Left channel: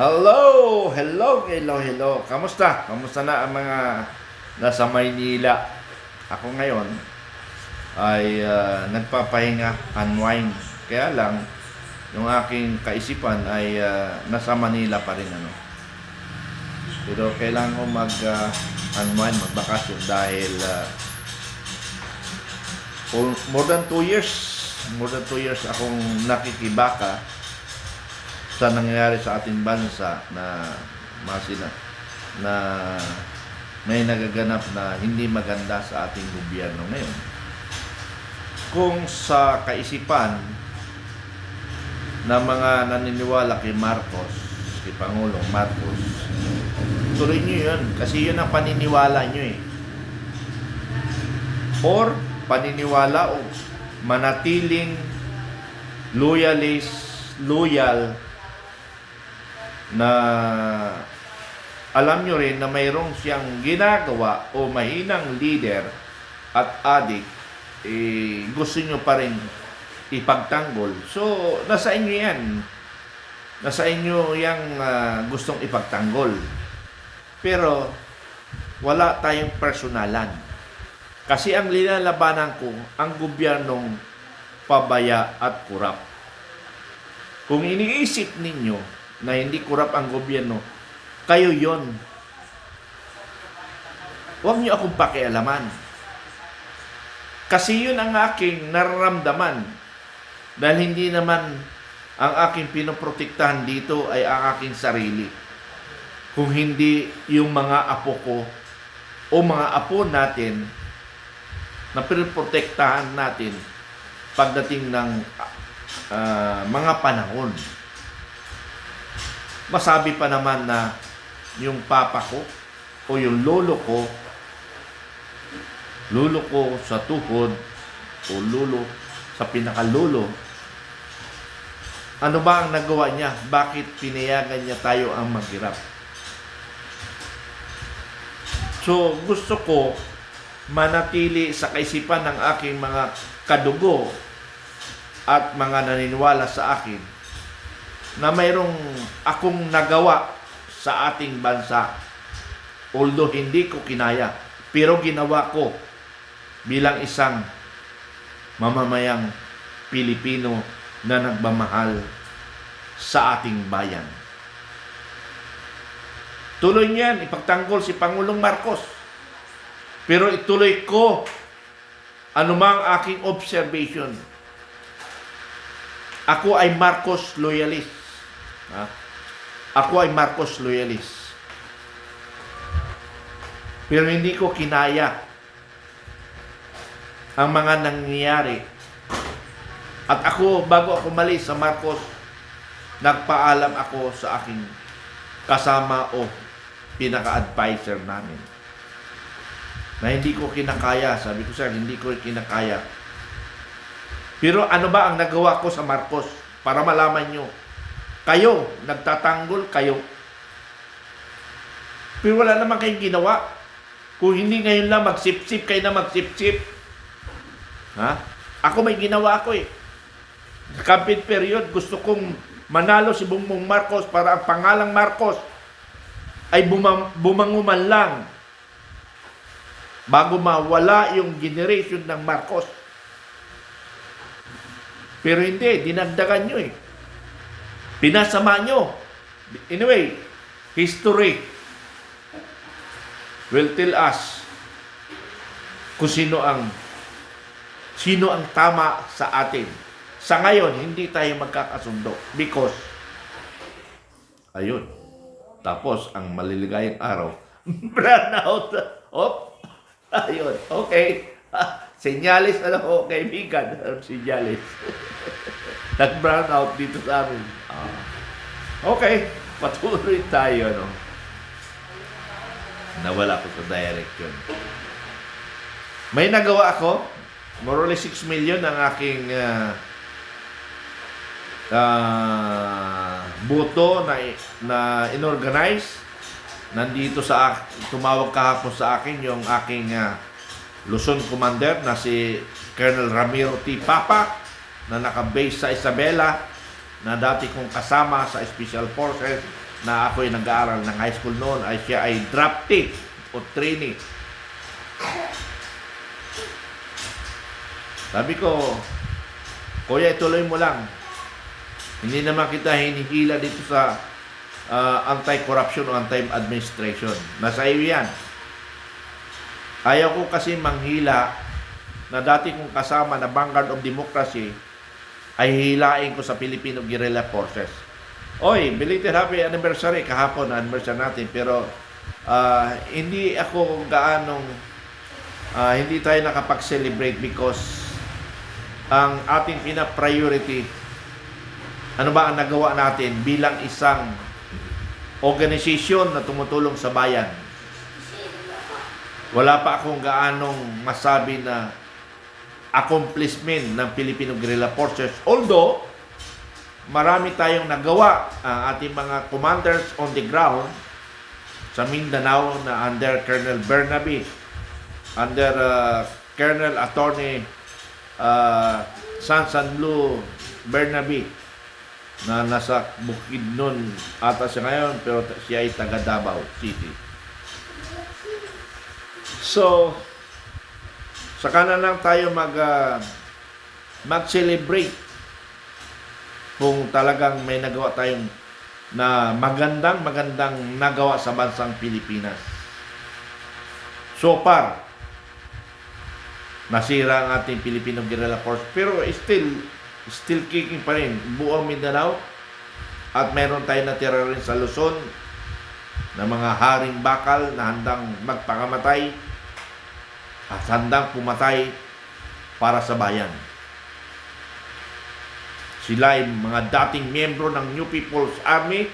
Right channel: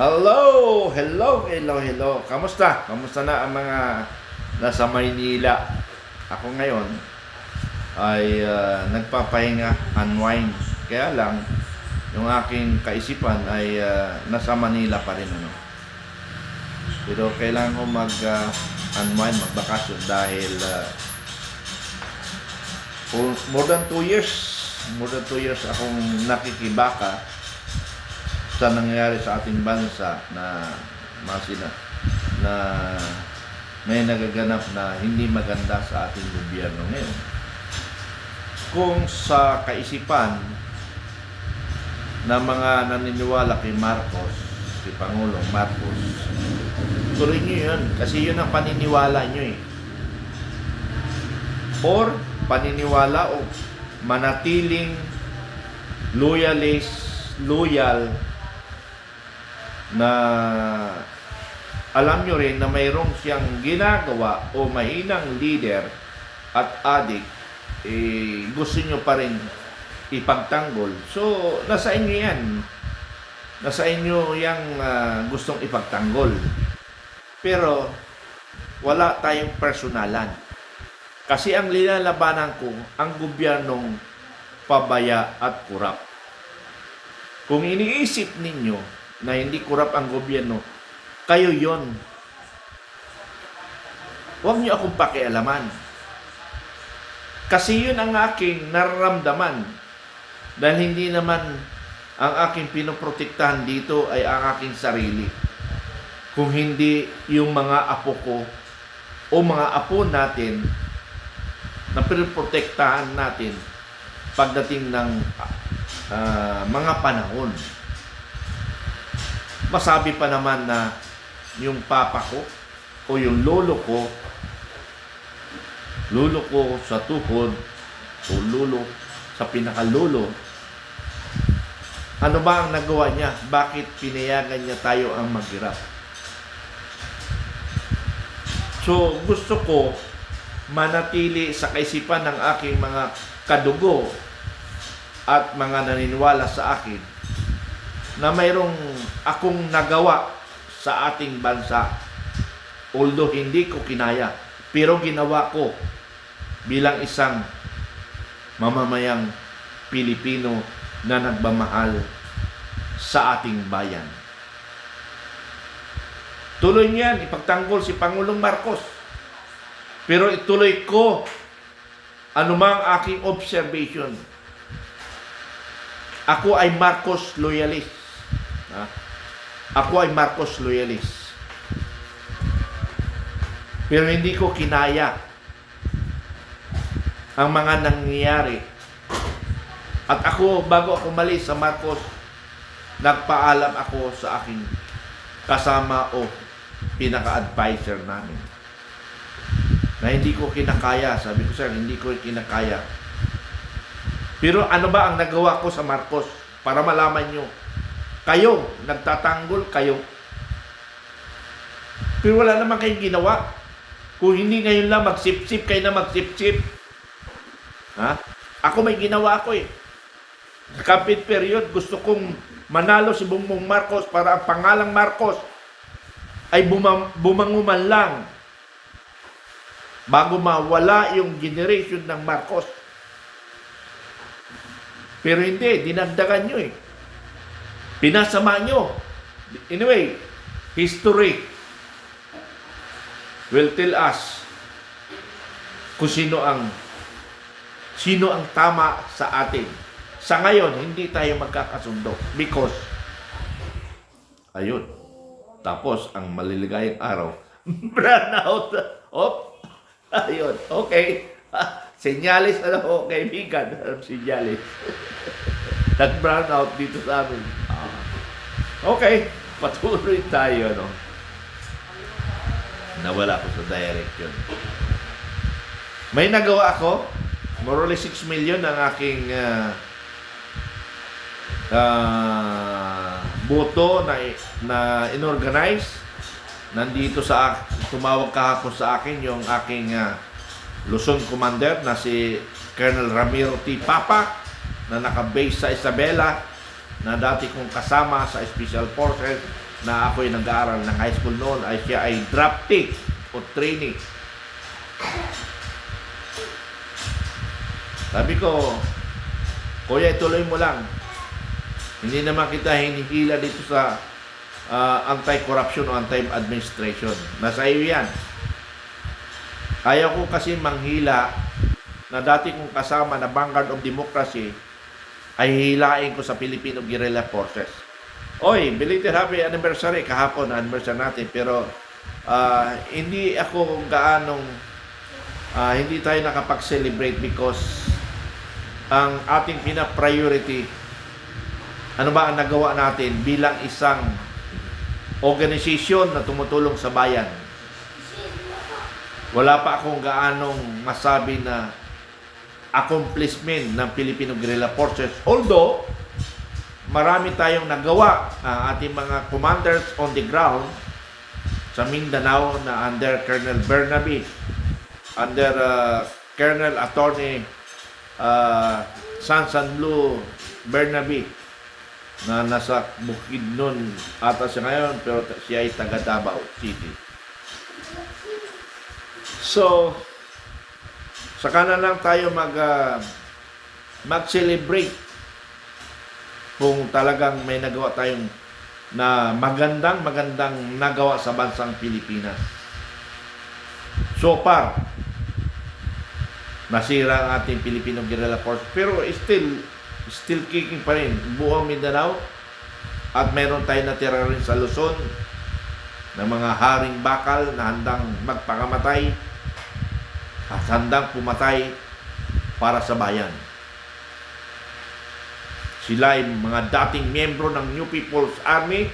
Hello! Hello! Kamusta? Kamusta na ang mga nasa Maynila? Ako ngayon ay nagpapahinga, unwind. Kaya lang, yung aking kaisipan ay nasa Manila pa rin. Pero kailangan ko mag-unwind, magbakasyon dahil more than 2 years akong nakikibaka sa nangyayari sa ating bansa na na may nagaganap na hindi maganda sa ating gobyerno ngayon. Kung sa kaisipan na mga naniniwala kay Marcos, kay Pangulong Marcos, tuloy nyo yun kasi yun ang paniniwala nyo or paniniwala o manatiling loyal na alam nyo rin na mayroong siyang ginagawa o mahinang leader at adik, gusto nyo pa rin ipagtanggol. So, nasa inyo yan. Nasa inyo yung gustong ipagtanggol. Pero, wala tayong personalan. Kasi ang linalabanan ko, ang gobyernong pabaya at kurap. Kung iniisip ninyo na hindi kurap ang gobyerno, kayo yon. Huwag niyo akong pakialaman. Kasi yun ang aking nararamdaman. Dahil hindi naman ang aking pinoprotektahan dito ay ang aking sarili. Kung hindi yung mga apo ko o mga apo natin na pinoprotektahan natin pagdating ng mga panahon. Masabi pa naman na yung papa ko o yung lolo ko sa tuhod o lolo sa pinakalulo, ano ba ang nagawa niya? Bakit pinayagan niya tayo ang maghirap? So, gusto ko manatili sa kaisipan ng aking mga kadugo at mga naniniwala sa akin na mayroong akong nagawa sa ating bansa. Although hindi ko kinaya, pero ginawa ko bilang isang mamamayang Pilipino na nagmamahal sa ating bayan. Tuloy niyan, ipagtanggol si Pangulong Marcos. Pero ituloy ko anumang aking observation. Ako ay Marcos loyalist. Ako ay Marcos loyalist. Pero hindi ko kinaya ang mga nangyayari. At ako, bago ako malis sa Marcos, nagpaalam ako sa aking kasama o pinaka-advisor namin na hindi ko kinakaya. Sabi ko, sir, hindi ko kinakaya. Pero ano ba ang nagawa ko sa Marcos? Para malaman nyo, kayo, nagtatanggol kayo. Pero wala naman kayong ginawa. Kung hindi ngayon lang magsip-sip, kayo na magsip-sip. Ako may ginawa ako . Campaign period, gusto kong manalo si Bongbong Marcos para ang pangalang Marcos ay bumanguman lang bago mawala yung generation ng Marcos. Pero hindi, dinagdagan nyo . Pinasama nyo. Anyway, history will tell us kung sino ang tama sa atin. Sa ngayon, hindi tayo magkakasundo because ayun. Tapos, ang maliligayang araw, brownout. Ayun. Okay. Senyalis kaibigan. Senyalis. Nag-brown out dito sa amin. Okay, patuloy tayo, Nawala ko sa direction. May nagawa ako, more or less 6 million ang aking boto na inorganize. Nandito tumawag kahapon sa akin yung aking Luzon Commander na si Colonel Ramiro T. Papa na naka-base sa Isabela, na dati kong kasama sa Special Forces na ako'y nag-aaral ng high school noon ay siya ay draftee o trainee. Sabi ko, Kuya, ituloy mo lang. Hindi naman kita hinihila dito sa anti-corruption o anti-administration. Nasa iyo yan. Ayaw ko kasi manghila na dati kong kasama na Vanguard of Democracy ay hilain ko sa Filipino Guerrilla Forces. Oy, belated happy anniversary. Kahapon na anniversary natin. Pero hindi ako gaanong hindi tayo nakapag-celebrate because ang ating pina-priority, ano ba ang nagawa natin bilang isang organisasyon na tumutulong sa bayan. Wala pa akong gaanong masabi na accomplishment ng Filipino Guerrilla Forces. Although, marami tayong nagawa ang ating mga commanders on the ground sa Mindanao na under Colonel Bernabe, under Colonel Attorney Sansanlu Bernabe na nasa Bukidnon ata siya ngayon, pero siya ay taga Davao City. So, saka na lang tayo mag-celebrate kung talagang may nagawa tayong na magandang nagawa sa bansang Pilipinas. So far, nasira ang ating Filipino Guerrilla Force, pero still kicking pa rin buong Mindanao, at meron tayo natira rin sa Luzon na mga haring bakal na handang magpakamatay at handang pumatay para sa bayan. Sila ay mga dating miyembro ng New People's Army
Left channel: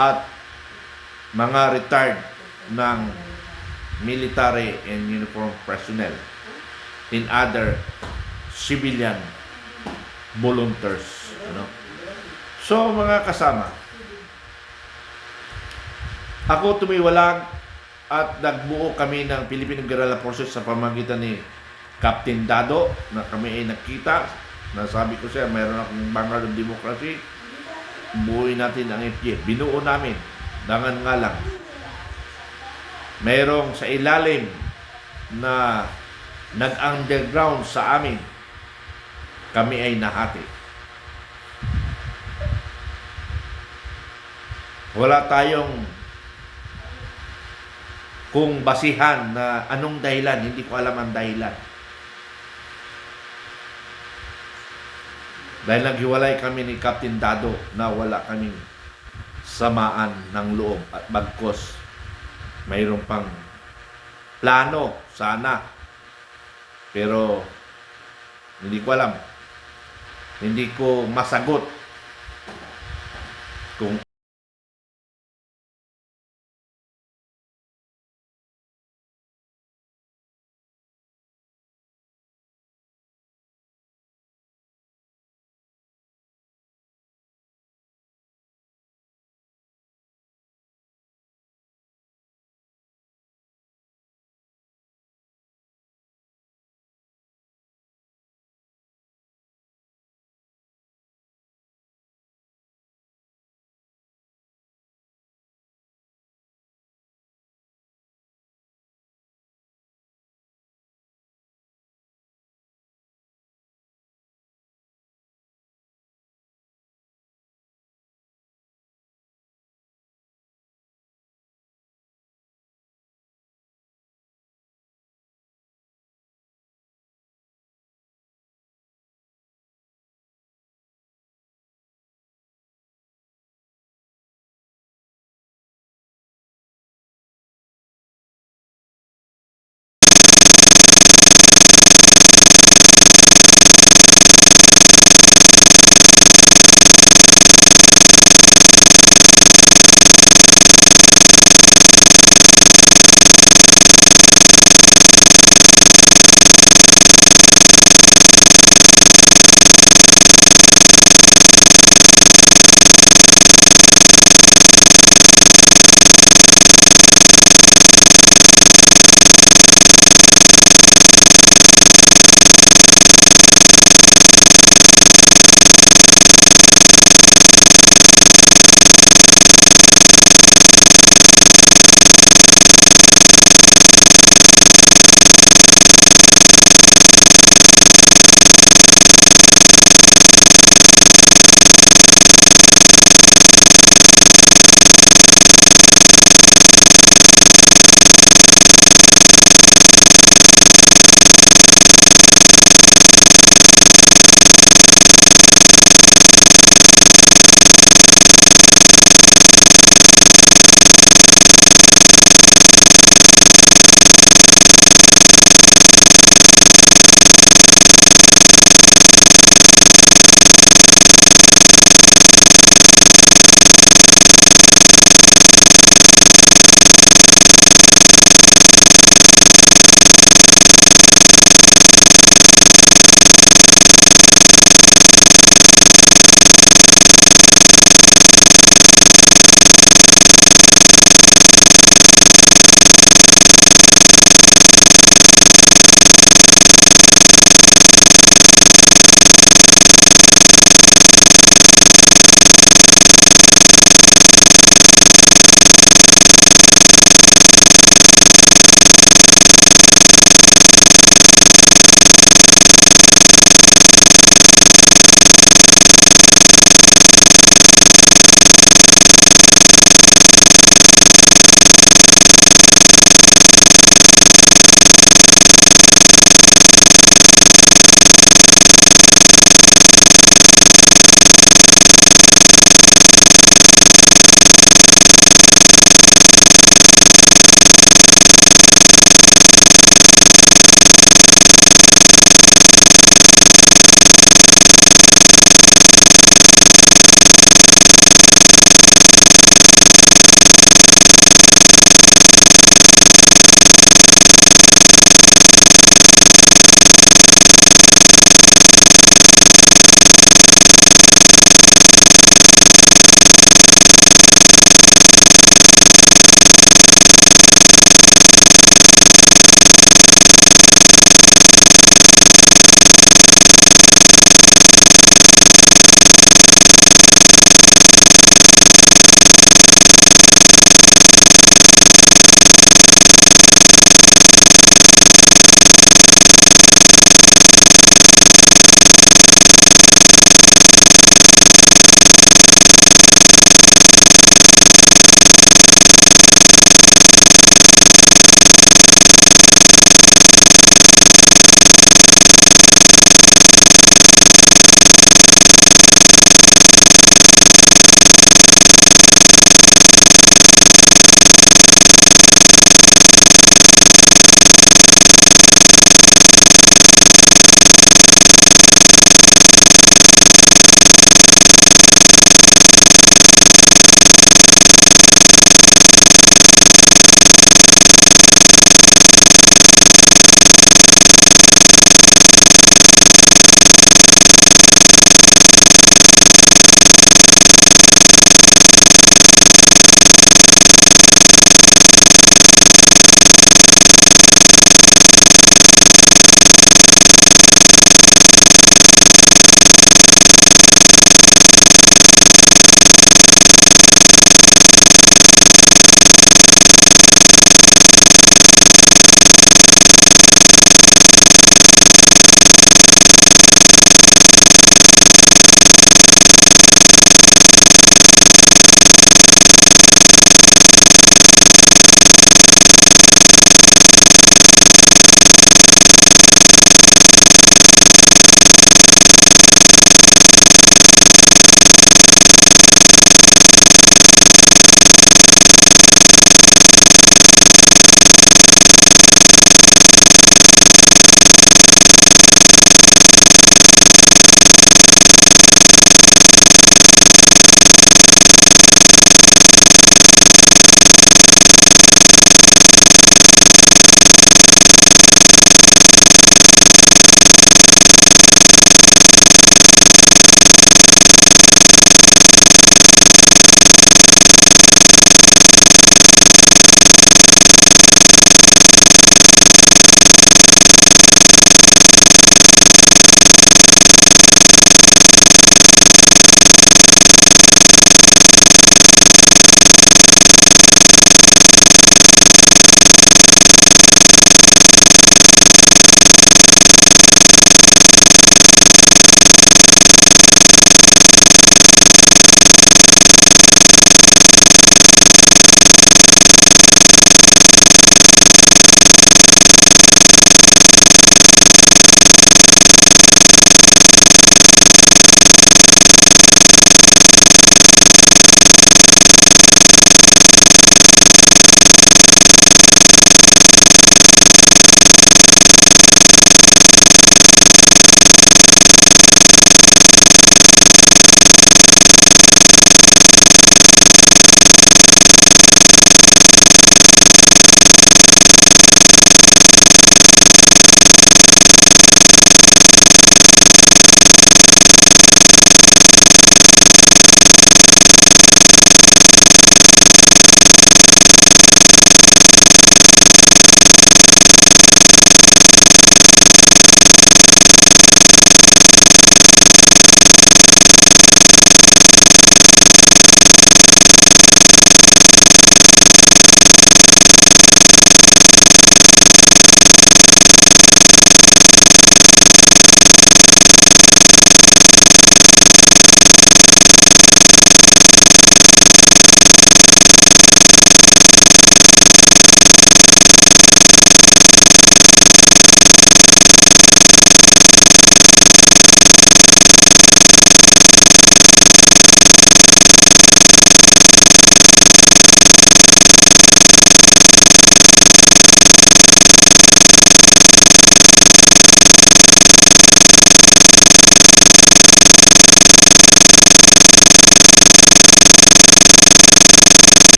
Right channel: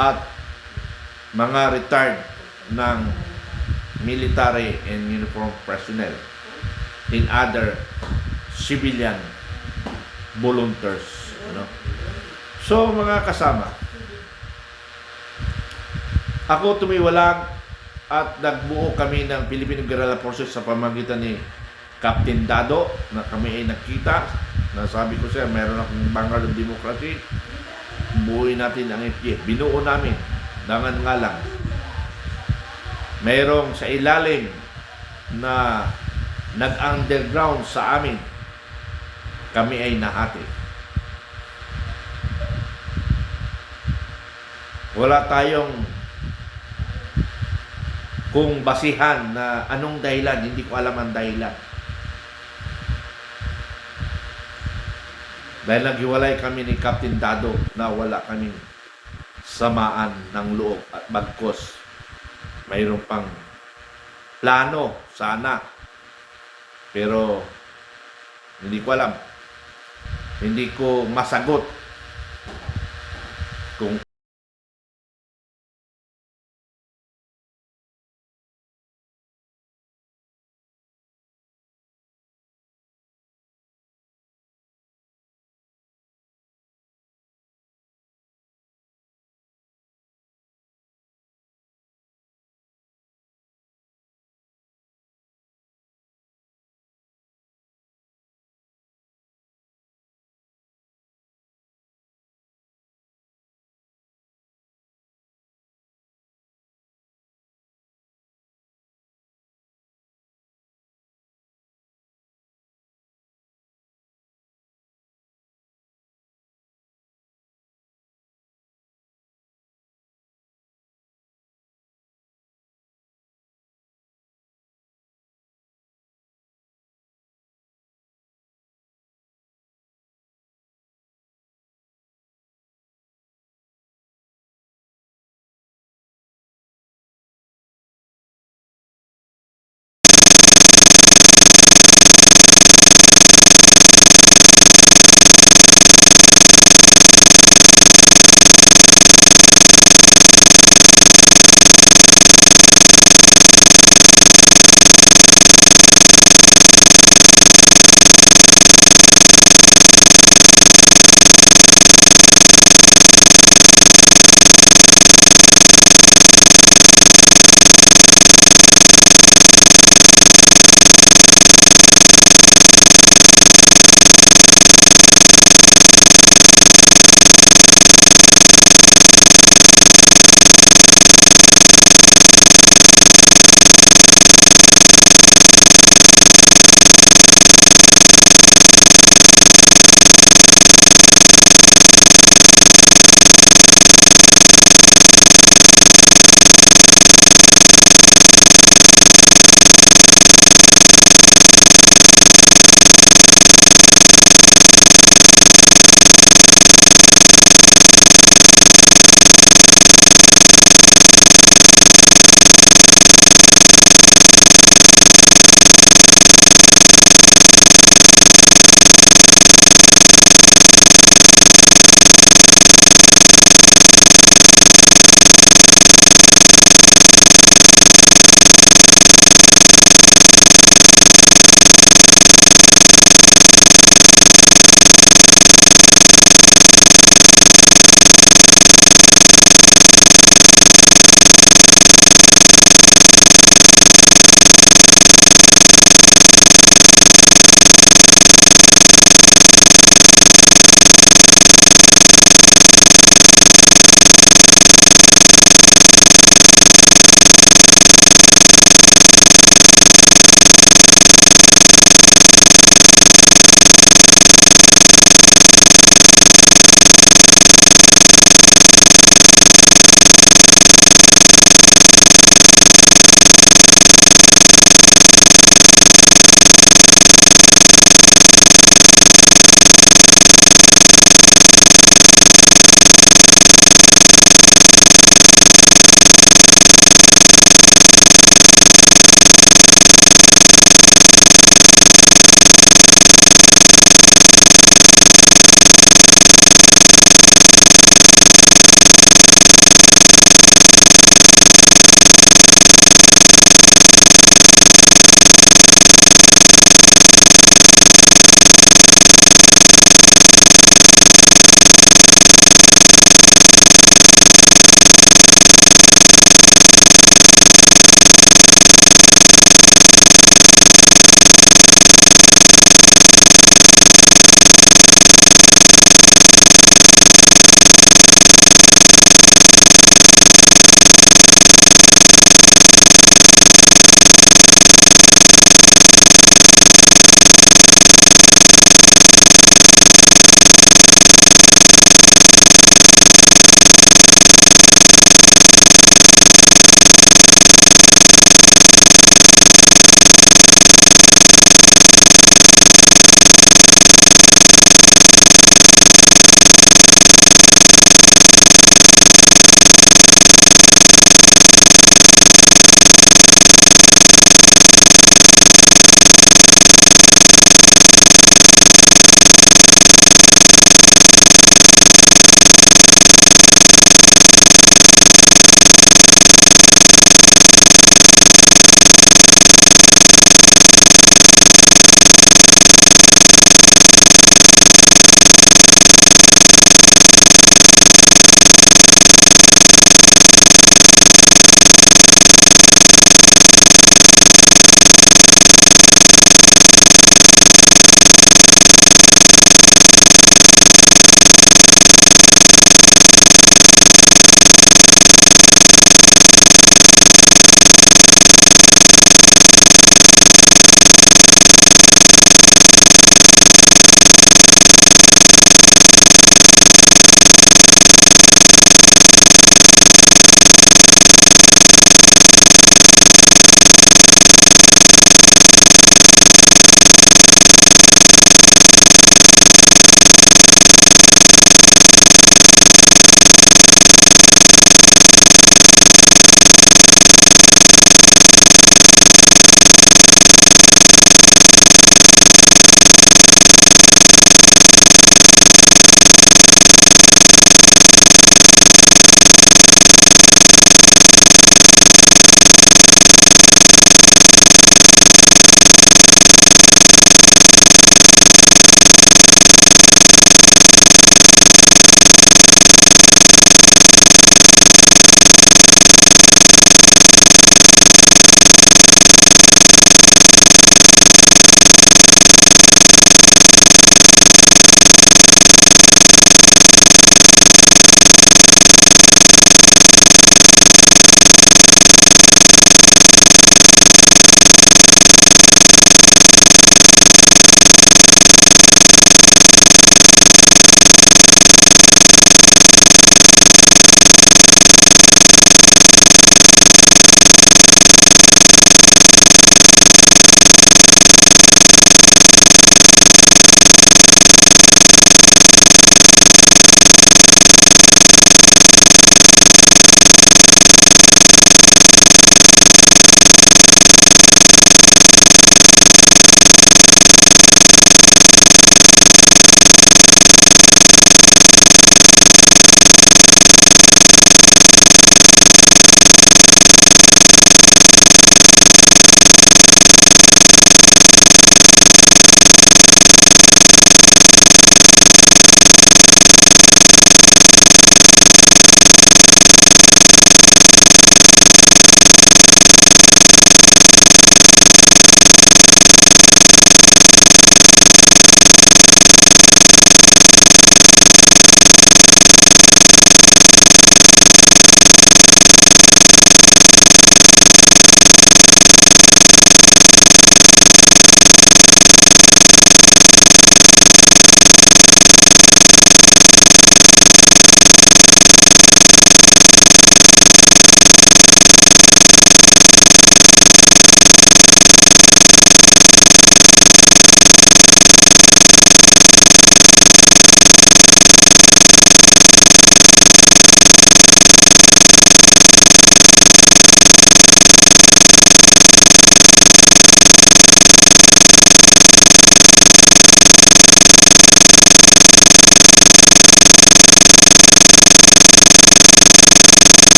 at mga retired ng military and uniform personnel in other civilian volunteers. So, mga kasama, ako tumiwalag at nagbuo kami ng Filipino Guerrilla Forces sa pamagitan ni Captain Dado, na kami ay nakita. Nasabi ko siya, mayroon akong Vanguard of Democracy, buuin natin ang FGF. Binuo namin, dangan nga lang. Mayroong sa ilalim na nag-underground sa amin, kami ay nahati. Wala tayong kung basihan na anong dahilan, hindi ko alam ang dahilan. Dahil naghiwalay kami ni Captain Dado na wala kaming samaan ng loob at bagkos mayroon pang plano sana, pero hindi ko alam, hindi ko masagot